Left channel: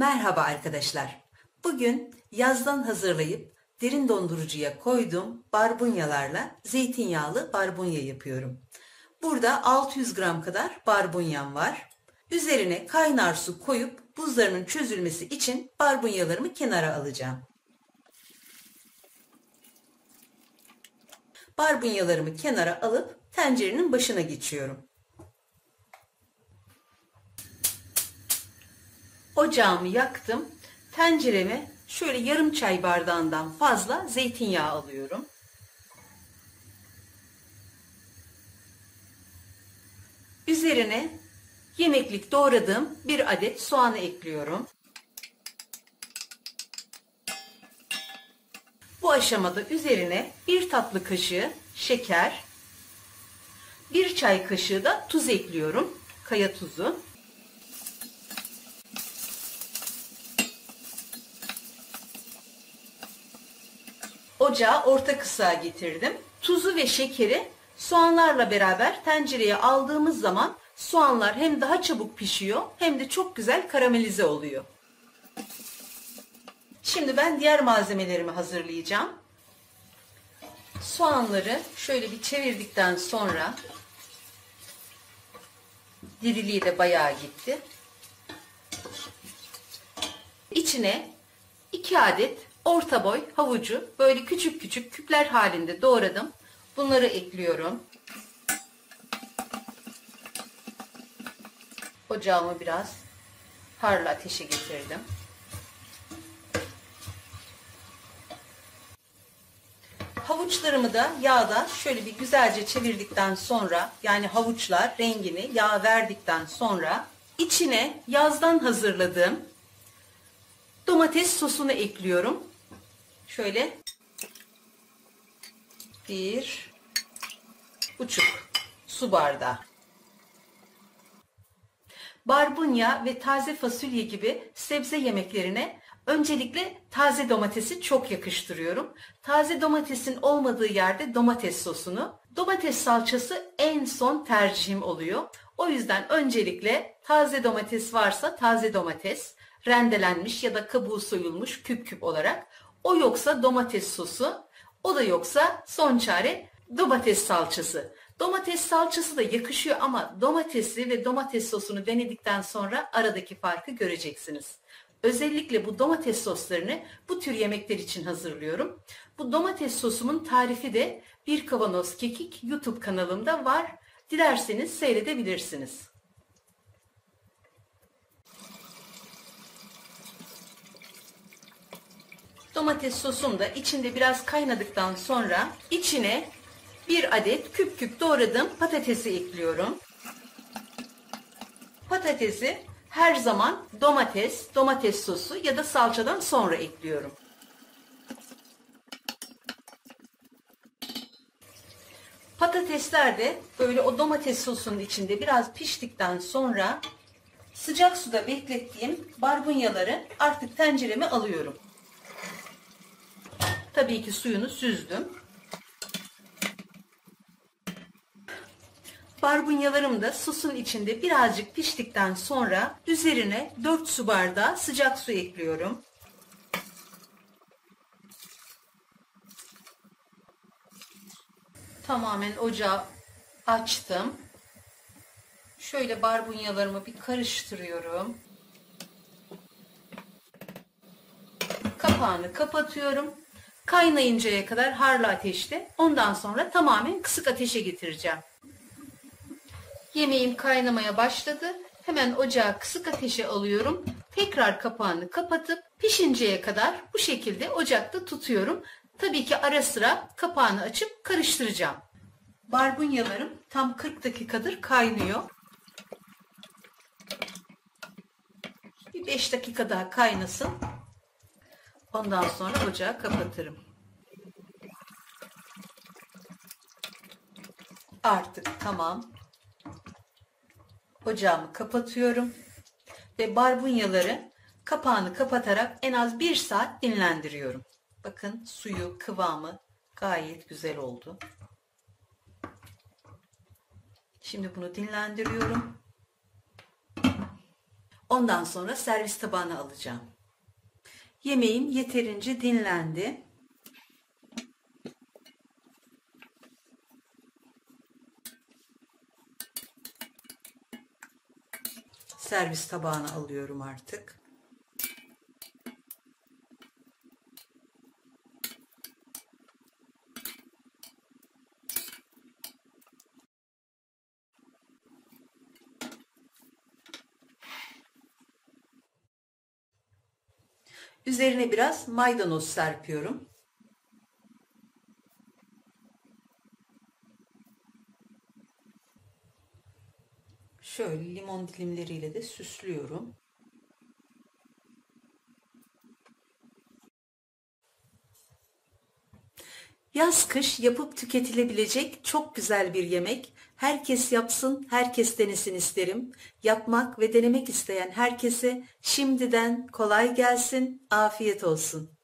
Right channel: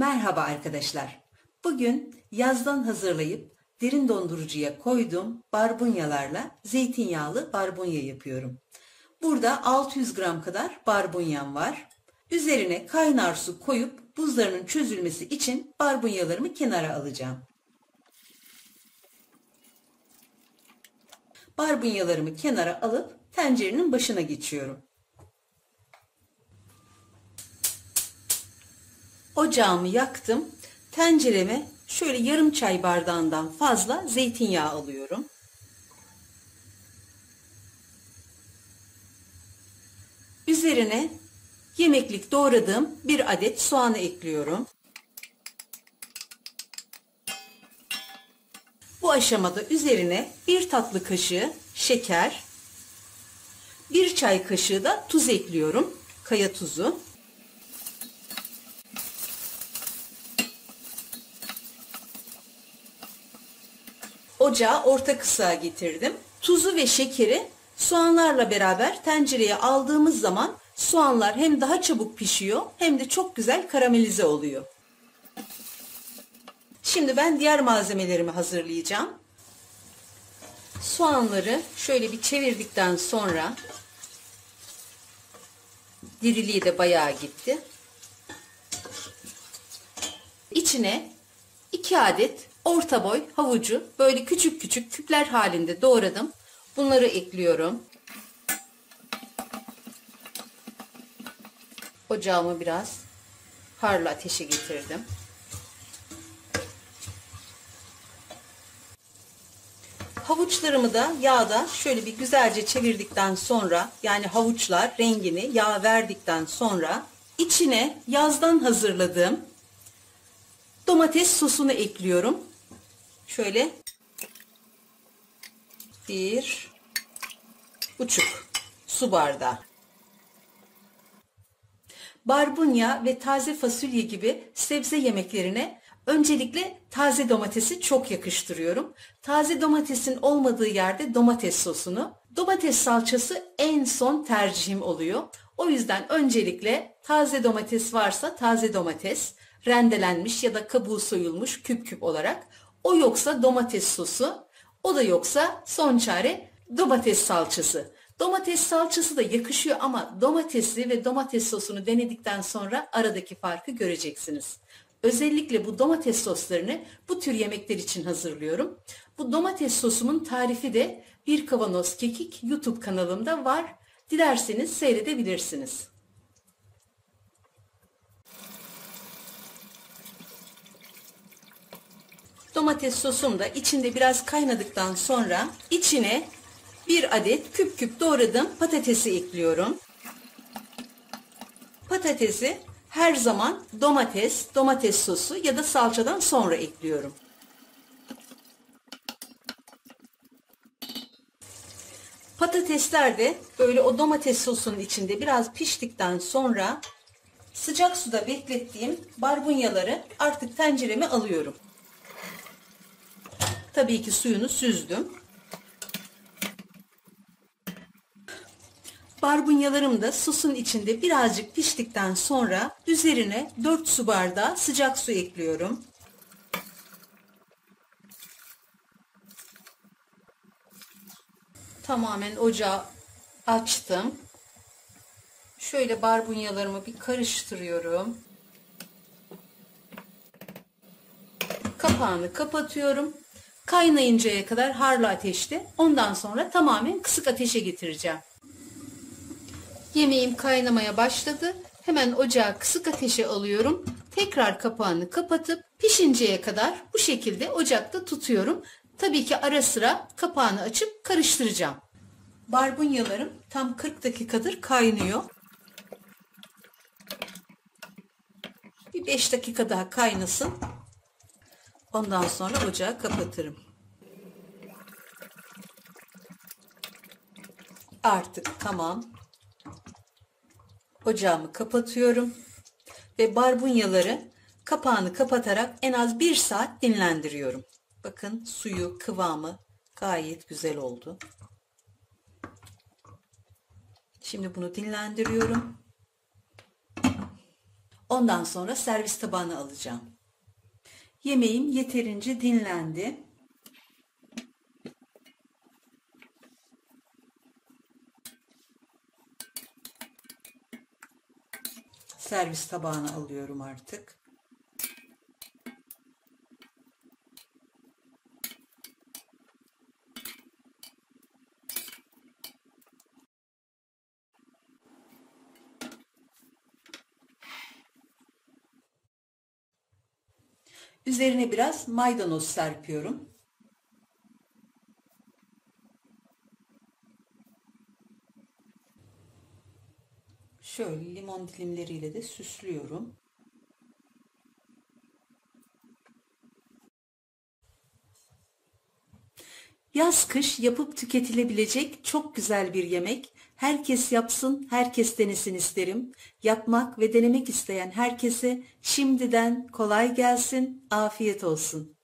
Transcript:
Merhaba arkadaşlar. Bugün yazdan hazırlayıp derin dondurucuya koyduğum barbunyalarla zeytinyağlı barbunya yapıyorum. Burada 600 gram kadar barbunyam var. Üzerine kaynar su koyup buzlarının çözülmesi için barbunyalarımı kenara alacağım. Barbunyalarımı kenara alıp tencerenin başına geçiyorum. Ocağımı yaktım. Tencereme şöyle yarım çay bardağından fazla zeytinyağı alıyorum. Üzerine yemeklik doğradığım bir adet soğanı ekliyorum. Bu aşamada üzerine bir tatlı kaşığı şeker, bir çay kaşığı da tuz ekliyorum. Kaya tuzu. Ocağı orta kısığa getirdim. Tuzu ve şekeri soğanlarla beraber tencereye aldığımız zaman soğanlar hem daha çabuk pişiyor hem de çok güzel karamelize oluyor. Şimdi ben diğer malzemelerimi hazırlayacağım. Soğanları şöyle bir çevirdikten sonra diriliği de bayağı gitti. İçine 2 adet orta boy havucu böyle küçük küçük küpler halinde doğradım. Bunları ekliyorum. Ocağımı biraz harlı ateşe getirdim. Havuçlarımı da yağda şöyle bir güzelce çevirdikten sonra, yani havuçlar rengini yağ verdikten sonra içine yazdan hazırladığım domates sosunu ekliyorum. Şöyle 1,5 su bardağı. Barbunya ve taze fasulye gibi sebze yemeklerine öncelikle taze domatesi çok yakıştırıyorum. Taze domatesin olmadığı yerde domates sosunu, domates salçası en son tercihim oluyor. O yüzden öncelikle taze domates varsa taze domates, rendelenmiş ya da kabuğu soyulmuş küp küp olarak, o yoksa domates sosu, o da yoksa son çare domates salçası. Domates salçası da yakışıyor ama domatesi ve domates sosunu denedikten sonra aradaki farkı göreceksiniz. Özellikle bu domates soslarını bu tür yemekler için hazırlıyorum. Bu domates sosumun tarifi de Bir Kavanoz Kekik YouTube kanalımda var. Dilerseniz seyredebilirsiniz. Domates sosum da içinde biraz kaynadıktan sonra içine bir adet küp küp doğradığım patatesi ekliyorum. Patatesi her zaman domates sosu ya da salçadan sonra ekliyorum. Patatesler de böyle o domates sosunun içinde biraz piştikten sonra sıcak suda beklettiğim barbunyaları artık tencereme alıyorum. Tabii ki suyunu süzdüm. Barbunyalarım da sosun içinde birazcık piştikten sonra üzerine 4 su bardağı sıcak su ekliyorum. Tamamen ocağı açtım. Şöyle barbunyalarımı bir karıştırıyorum. Kapağını kapatıyorum. Kaynayıncaya kadar harlı ateşte. Ondan sonra tamamen kısık ateşe getireceğim. Yemeğim kaynamaya başladı. Hemen ocağı kısık ateşe alıyorum. Tekrar kapağını kapatıp pişinceye kadar bu şekilde ocakta tutuyorum. Tabii ki ara sıra kapağını açıp karıştıracağım. Barbunyalarım tam 40 dakikadır kaynıyor. Bir 5 dakika daha kaynasın. Ondan sonra ocağı kapatırım. Artık tamam. Ocağımı kapatıyorum ve barbunyaları kapağını kapatarak en az 1 saat dinlendiriyorum. Bakın suyu, kıvamı gayet güzel oldu. Şimdi bunu dinlendiriyorum. Ondan sonra servis tabağına alacağım. Yemeğim yeterince dinlendi. Servis tabağına alıyorum artık. Üzerine biraz maydanoz serpiyorum. Şöyle limon dilimleriyle de süslüyorum. Yaz kış yapıp tüketilebilecek çok güzel bir yemek. Herkes yapsın, herkes denesin isterim. Yapmak ve denemek isteyen herkese şimdiden kolay gelsin, afiyet olsun.